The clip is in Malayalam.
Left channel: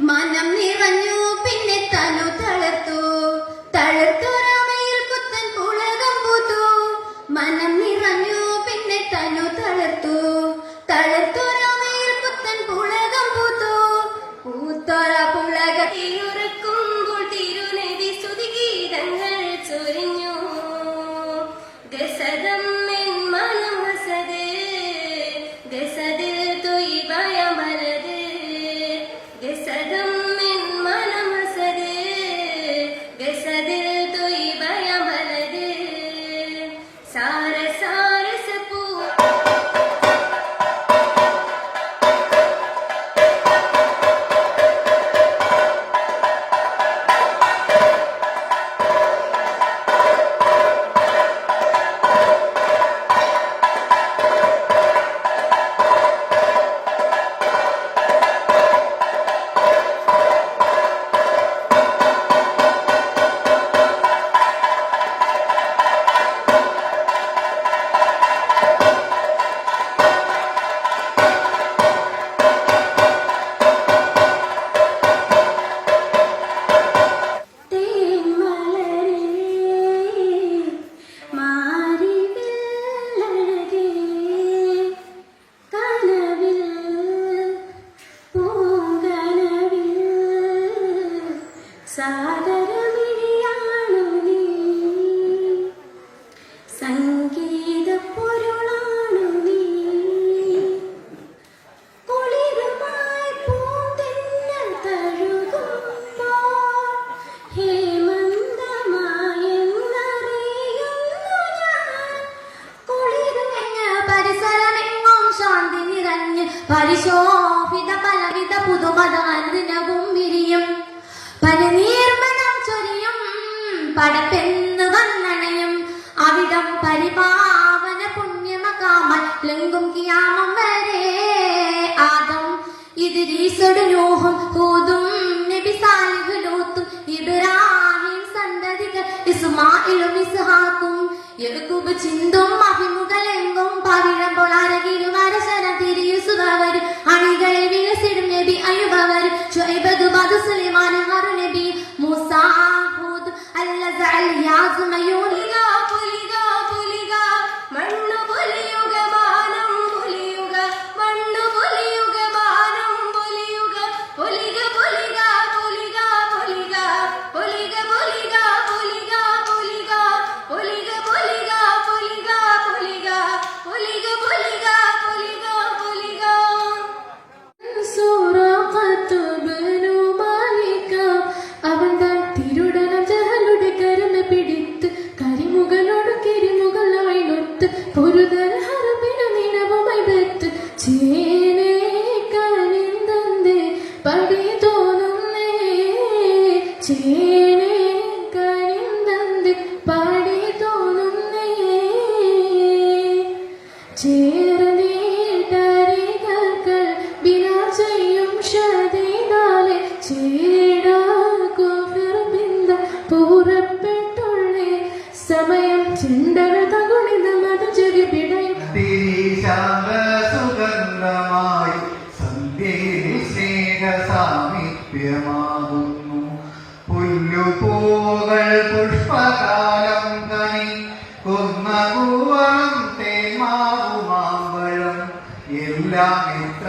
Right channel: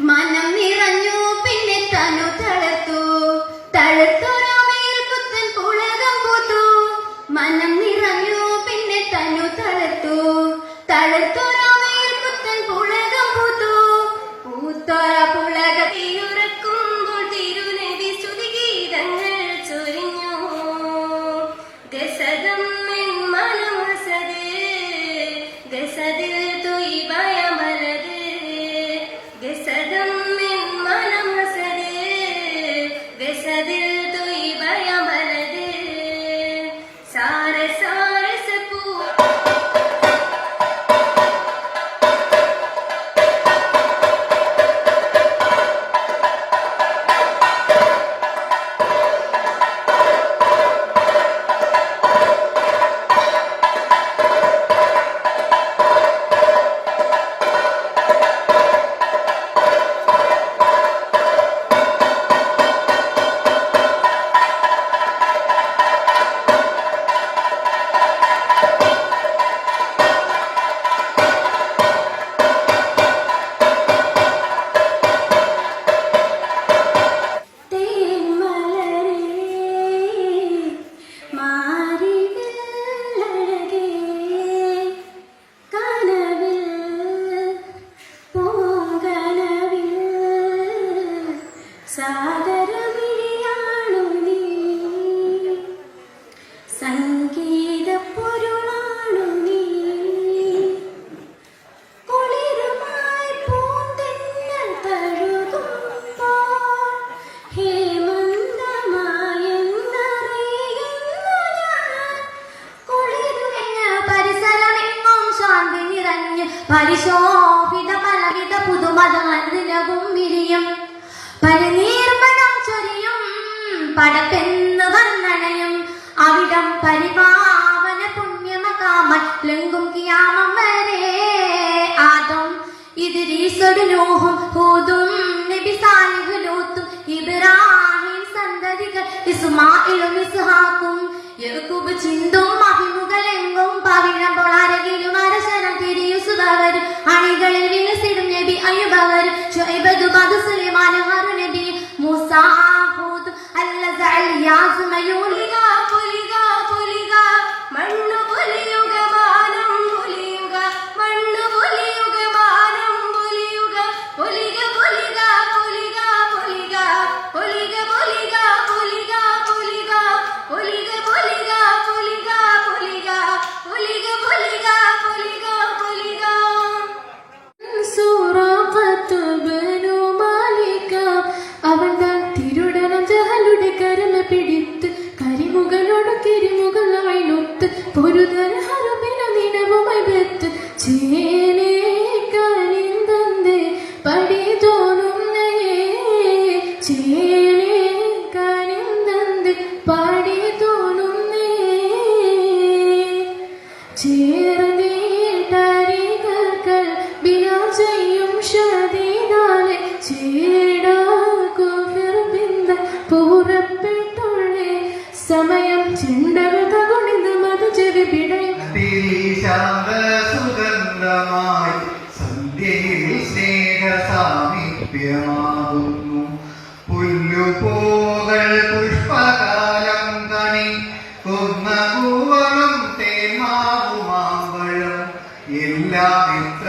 മനം നിറഞ്ഞു പിന്നെ തനു തളർത്തു തളർത്തു രാമയിൽ പുത്തൻ പുളകം പൂത്തു മനം നിറഞ്ഞു പിന്നെ തനു തളർത്തു തളർത്തു രാമയിൽ പുത്തൻ പുളകം പൂത്തു പൂത്തോര പുളകത്തിലുറക്കുമ്പോൾ തിരുനബി സ്തുതിഗീതങ്ങൾ ചൊരിഞ്ഞു ഗസദം എൻ മനമസദേ ഗസദിൽ തൊയ്ബയ മലദേ ഗസദം എൻ മനമസദേ ഗസദിൽ തൊയ്ബയ മലദേ സാര സാര സപൂ പരിശോഭിത പലവിധ പുതുമതമതിനകും വിരിയും പരിനീർമണം ചൊരിയും പടപ്പെന്ന് വന്നണയും അവിടം പരിപാവന പുണ്യമകാമൻ ലംഘും കിയാമം വരെ ആദം ഇദ്രീസും നൂഹും ഹൂദും നബി സാലിഹ് ലൂത്തും ഇബ്രാഹിം സന്തതികൾ ഇസ്മായിലും ഇസ്ഹാഖും യഅ്കൂബ് ചിന്തും അഭിമുഖലെങ്കും പവിഴം പൊളാരകിലും അരശനം തിരിയുസുതവരും അണികളിൽ വിലസിടും നബി അയ്യൂബവരും ശുഐബ് ദുബാദ് സുലൈമാൻ ഹാറൂൻ നബി മൂസ ഹൂദ് അൽഅസഅൽ യാസ് മയൂലിക പുലിക പുലിക മണ്ണു പുലിയുക മാനം പുലിയുക മണ്ണു പുലിയുക മാനം പുലിയുക പുലിക പുലിക പുലിക പുലിക പുലിക പുലിക പുലിക പുലിക പുലിക പുലിക പുലിക പുലിക പുലിക പുലിക പുലിക പുലിക സൂറഖത്ത് ബനു മാലിക അവൻ താൻ തിരുടണം ജഹലുടെ കരമ പിടിത്ത് കരിമുകളോട് കിരിമുകളായി നൊത്ത് പൊരുതര ഹറമിലും ഇനവുമായി വെത്ത് ചേനേ കനിന്തന്തേ പടി തോന്നുന്നേ ചേനേ കനിന്തന്തേ പടി തോന്നുന്നേ ചേർന്നീട്ടരികൾ ബിനാ ചെയ്യും ഷദീദാലെ ചേടാക്കും ഫിർബിന്ദ പൂറപ്പെട്ടുള്ളേ സമയം ചെണ്ടവത കൊണിത മധുചരി പിടയും സുഗന്ധമായി സന്ധ്യയിൽ സ്നേഹ സാമീപ്യമാകുന്നു പുല്ലുപൂകൾ പുഷ്പകാലം കണി കുന്നകൂവളം തേന്മാവുമാമ്പഴം എല്ലാം എത്ര